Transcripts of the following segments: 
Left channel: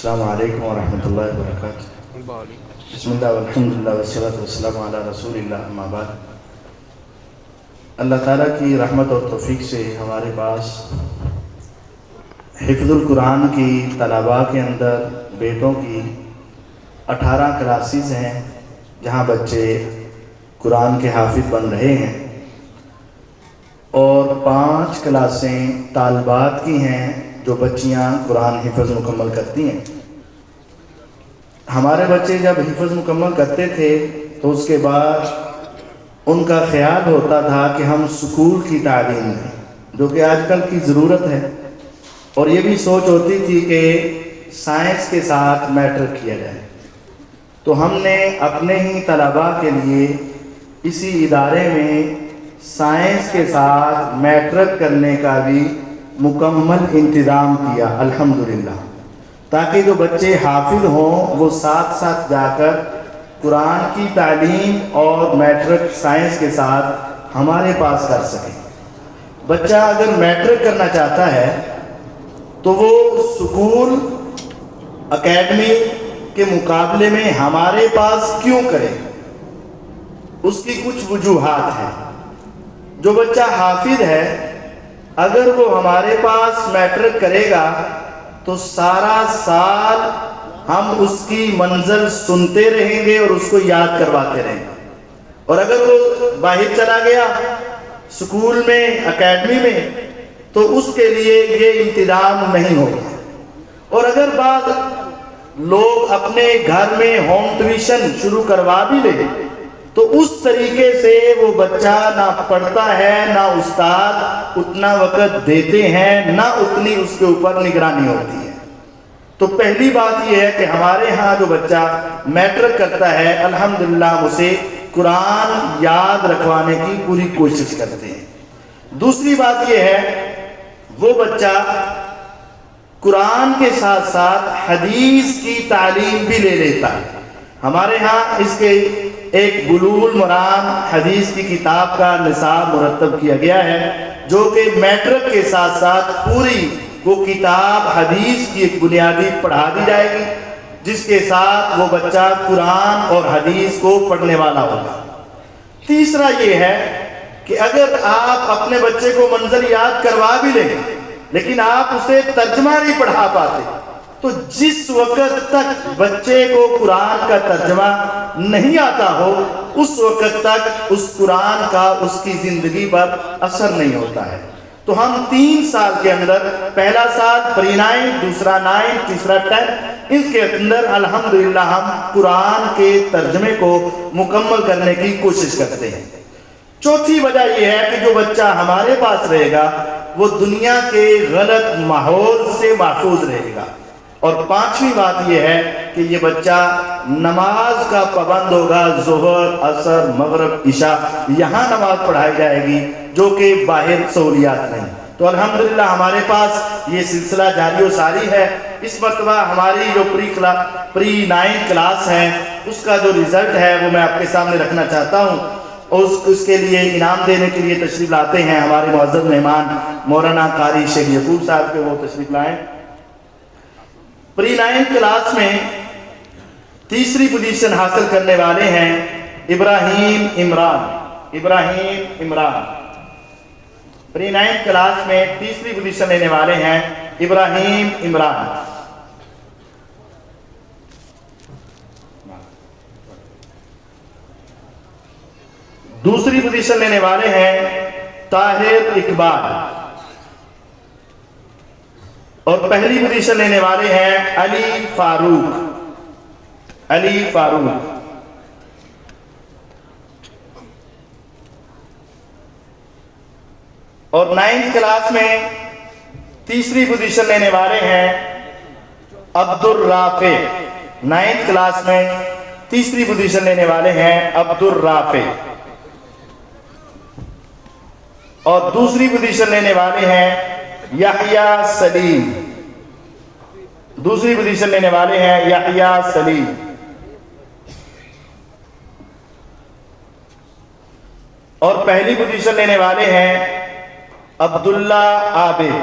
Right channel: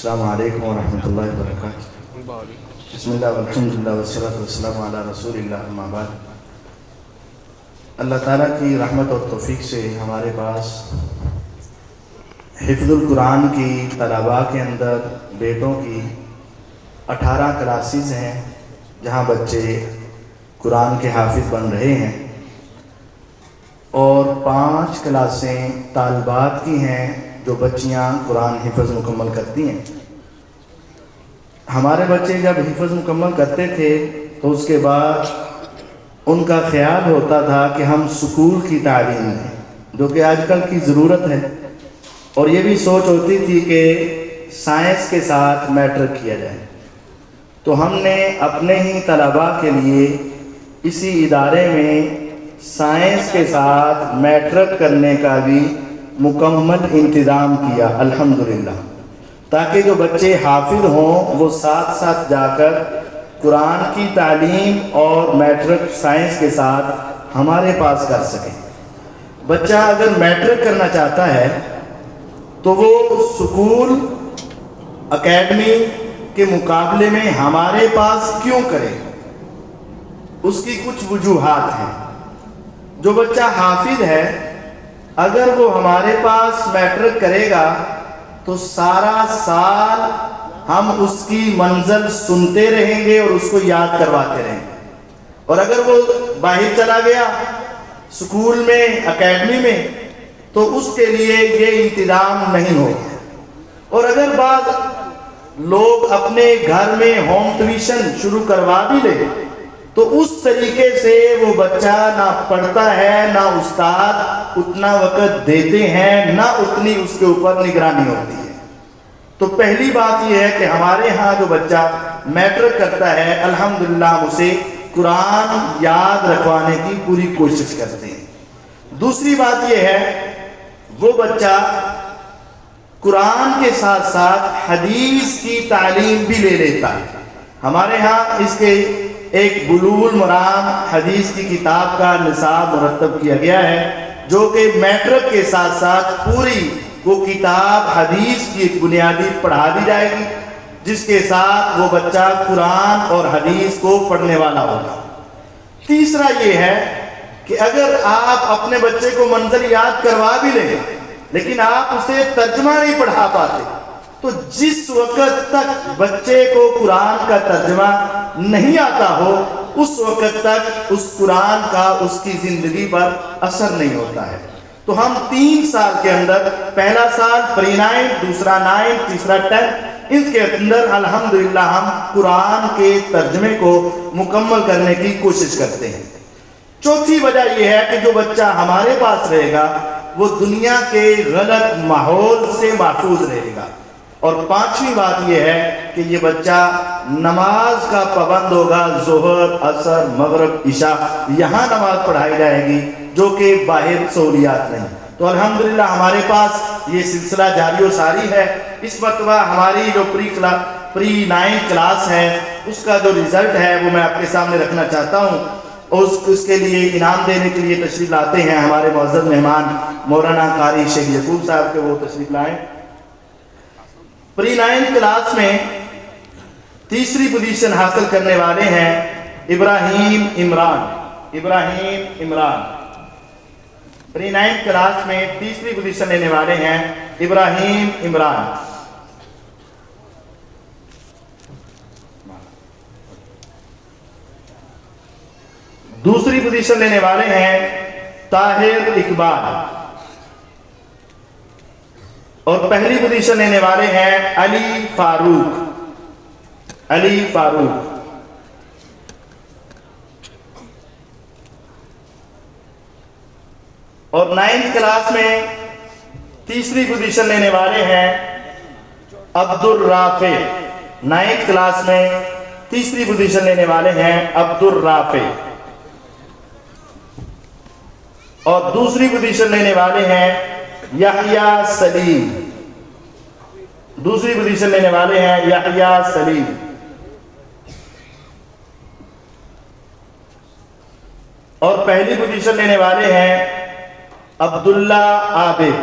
السلام علیکم ورحمۃ اللہ وبرکاتہ۔ بسم اللہ والحمد للہ والصلاۃ والسلام علی رسول اللہ، اما بعد۔ اللہ تعالیٰ کی رحمت اور توفیق سے ہمارے پاس حفظ القرآن کی طلباء کے اندر بیٹوں کی 18 کلاسز ہیں جہاں بچے قرآن کے حافظ بن رہے ہیں، اور 5 کلاسیں طالبات کی ہیں جو بچیاں قرآن حفظ مکمل کرتی ہیں۔ ہمارے بچے جب حفظ مکمل کرتے تھے تو اس کے بعد ان کا خیال ہوتا تھا کہ ہم سکول کی تعلیم دیں، جو کہ آج کل کی ضرورت ہے، اور یہ بھی سوچ ہوتی تھی کہ سائنس کے ساتھ میٹرک کیا جائے۔ تو ہم نے اپنے ہی طلباء کے لیے اسی ادارے میں سائنس کے ساتھ میٹرک کرنے کا بھی مکمل انتظام کیا، الحمدللہ، تاکہ جو بچے حافظ ہوں وہ ساتھ ساتھ جا کر قرآن کی تعلیم اور میٹرک سائنس کے ساتھ ہمارے پاس کر سکیں۔ بچہ اگر میٹرک کرنا چاہتا ہے تو وہ سکول اکیڈمی کے مقابلے میں ہمارے پاس کیوں کرے؟ اس کی کچھ وجوہات ہیں۔ جو بچہ حافظ ہے، اگر وہ ہمارے پاس میٹرک کرے گا تو سارا سال ہم اس کی منزل سنتے رہیں گے اور اس کو یاد کرواتے رہیں گے، اور اگر وہ باہر چلا گیا سکول میں اکیڈمی میں تو اس کے لیے یہ انتظام نہیں ہوگا۔ اور اگر بعض لوگ اپنے گھر میں ہوم ٹیوشن شروع کروا بھی لے تو اس طریقے سے وہ بچہ نہ پڑھتا ہے، نہ استاد اتنا وقت دیتے ہیں، نہ اتنی اس کے اوپر نگرانی ہوتی ہے۔ تو پہلی بات یہ ہے کہ ہمارے ہاں جو بچہ میٹرک کرتا ہے، الحمدللہ اسے قرآن یاد رکھوانے کی پوری کوشش کرتے ہیں۔ دوسری بات یہ ہے وہ بچہ قرآن کے ساتھ ساتھ حدیث کی تعلیم بھی لے لیتا ہے۔ ہمارے ہاں اس کے ایک بلوغ المرام حدیث کی کتاب کا نصاب مرتب کیا گیا ہے، جو کہ میٹرک کے ساتھ ساتھ پوری وہ کتاب حدیث کی ایک بنیادی پڑھا دی جائے گی، جس کے ساتھ وہ بچہ قرآن اور حدیث کو پڑھنے والا ہوگا۔ تیسرا یہ ہے کہ اگر آپ اپنے بچے کو منزل یاد کروا بھی لیں لیکن آپ اسے ترجمہ نہیں پڑھا پاتے، تو جس وقت تک بچے کو قرآن کا ترجمہ نہیں آتا ہو اس وقت تک اس قرآن کا اس کی زندگی پر اثر نہیں ہوتا ہے۔ تو ہم 3 سال کے اندر، پہلا سال پری 9، دوسرا 9، تیسرا 10، اس کے اندر الحمدللہ ہم قرآن کے ترجمے کو مکمل کرنے کی کوشش کرتے ہیں۔ چوتھی وجہ یہ ہے کہ جو بچہ ہمارے پاس رہے گا وہ دنیا کے غلط ماحول سے محفوظ رہے گا، اور 5ویں بات یہ ہے کہ یہ بچہ نماز کا پابند ہوگا۔ ظہر، عصر، مغرب، عشاء یہاں نماز پڑھائی جائے گی، جو کہ باہر سہولیات نہیں۔ تو الحمدللہ ہمارے پاس یہ سلسلہ جاری و ساری ہے۔ اس مرتبہ ہماری جو پری 9 کلاس ہے اس کا جو رزلٹ ہے وہ میں آپ کے سامنے رکھنا چاہتا ہوں، اور اس کے لیے انعام دینے کے لیے تشریف لاتے ہیں ہمارے معزز مہمان مولانا قاری شیخ یعقوب صاحب کے، وہ تشریف لائیں۔ پری 9 کلاس میں تیسری پوزیشن حاصل کرنے والے ہیں ابراہیم عمران۔ پری 9 کلاس میں تیسری پوزیشن لینے والے ہیں ابراہیم عمران۔ دوسری پوزیشن لینے والے ہیں طاہر اقبال، اور پہلی پوزیشن لینے والے ہیں علی فاروق۔ اور 9 کلاس میں تیسری پوزیشن لینے والے ہیں عبد الرافع۔ 9 کلاس میں تیسری پوزیشن لینے والے ہیں عبد الرافع، اور دوسری پوزیشن لینے والے ہیں یحییٰ سلیم۔ اور پہلی پوزیشن لینے والے ہیں عبداللہ عابد۔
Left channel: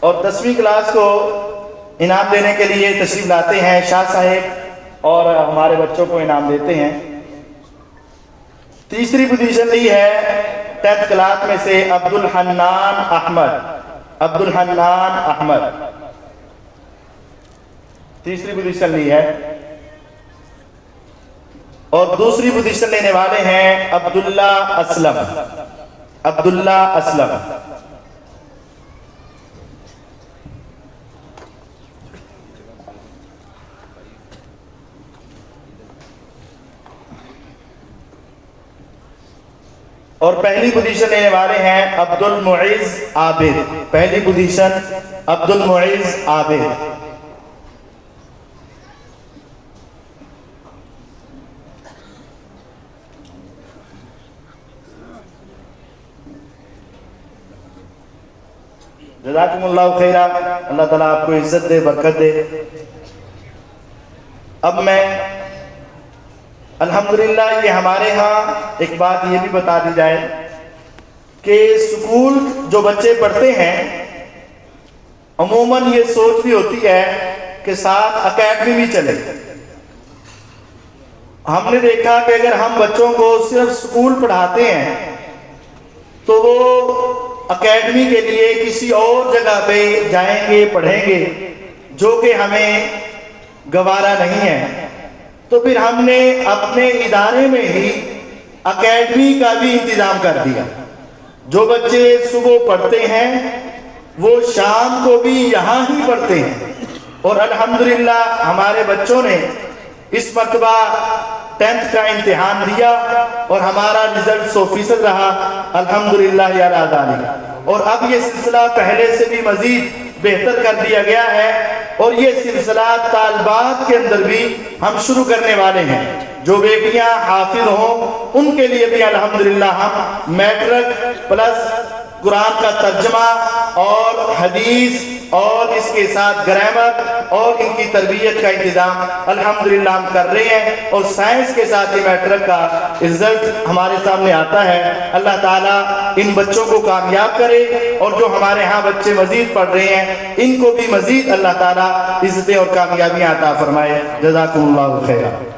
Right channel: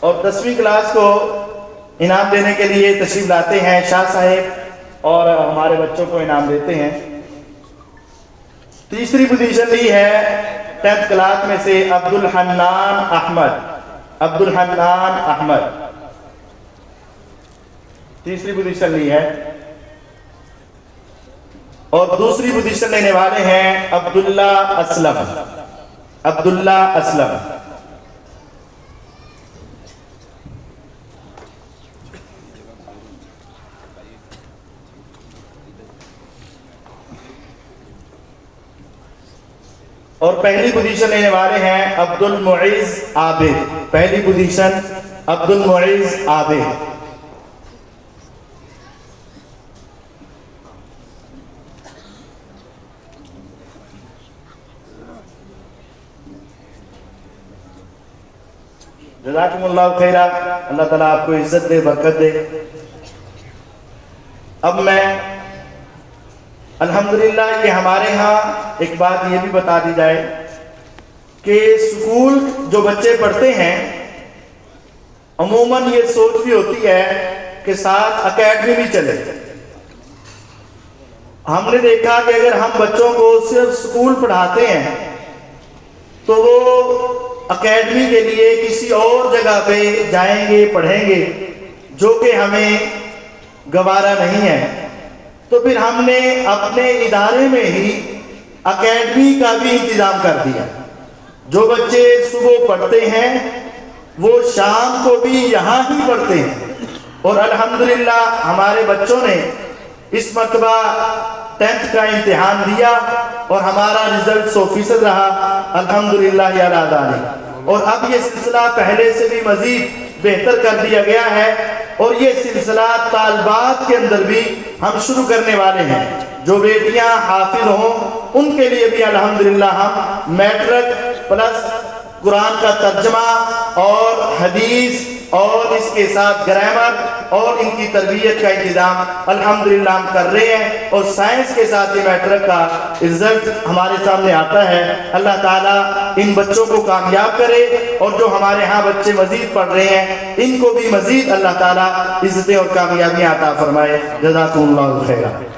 اور 10ویں کلاس کو انعام دینے کے لیے تشریف لاتے ہیں شاہ صاحب اور ہمارے بچوں کو انعام دیتے ہیں. تیسری پوزیشن لی ہے 10th کلاس میں سے عبد الحنان احمد تیسری پوزیشن لی ہے. اور دوسری پوزیشن لینے والے ہیں عبداللہ اسلم. اور پہلی پوزیشن لینے والے ہیں عبد المعز عابد. پہلی پوزیشن عبد المعز عابد. جزاکم اللہ خیرہ. اللہ تعالیٰ آپ کو عزت دے، برکت دے. اب میں الحمدللہ کہ ہمارے ہاں ایک بات یہ بھی بتا دی جائے کہ اسکول جو بچے پڑھتے ہیں عموماً یہ سوچ بھی ہوتی ہے کہ ساتھ اکیڈمی بھی چلے. ہم نے دیکھا کہ اگر ہم بچوں کو صرف اسکول پڑھاتے ہیں تو وہ اکیڈمی کے لیے کسی اور جگہ پہ جائیں گے، پڑھیں گے، جو کہ ہمیں گوارا نہیں ہے. تو پھر ہم نے اپنے ادارے میں ہی اکیڈمی کا بھی انتظام کر دیا. جو بچے صبح پڑھتے ہیں وہ شام کو بھی یہاں ہی پڑھتے ہیں. اور الحمدللہ ہمارے بچوں نے اس مرتبہ 10th کا امتحان دیا اور ہمارا رزلٹ 100% رہا الحمدللہ یا ذالک. اور اب یہ سلسلہ پہلے سے بھی مزید بہتر کر دیا گیا ہے اور یہ سلسلہ طالبات کے اندر بھی ہم شروع کرنے والے ہیں. جو بیٹیاں حافظ ہوں ان کے لیے بھی الحمدللہ ہم میٹرک پلس قرآن کا ترجمہ اور حدیث اور اس کے ساتھ گرامر اور ان کی تربیت کا انتظام الحمدللہ ہم کر رہے ہیں. اور سائنس کے ساتھ یہ میٹرک کا رزلٹ ہمارے سامنے آتا ہے. اللہ تعالیٰ ان بچوں کو کامیاب کرے اور جو ہمارے ہاں بچے مزید پڑھ رہے ہیں ان کو بھی مزید اللہ تعالیٰ عزتیں اور کامیابیاں عطا فرمائے. جزاکم اللہ خیرہ.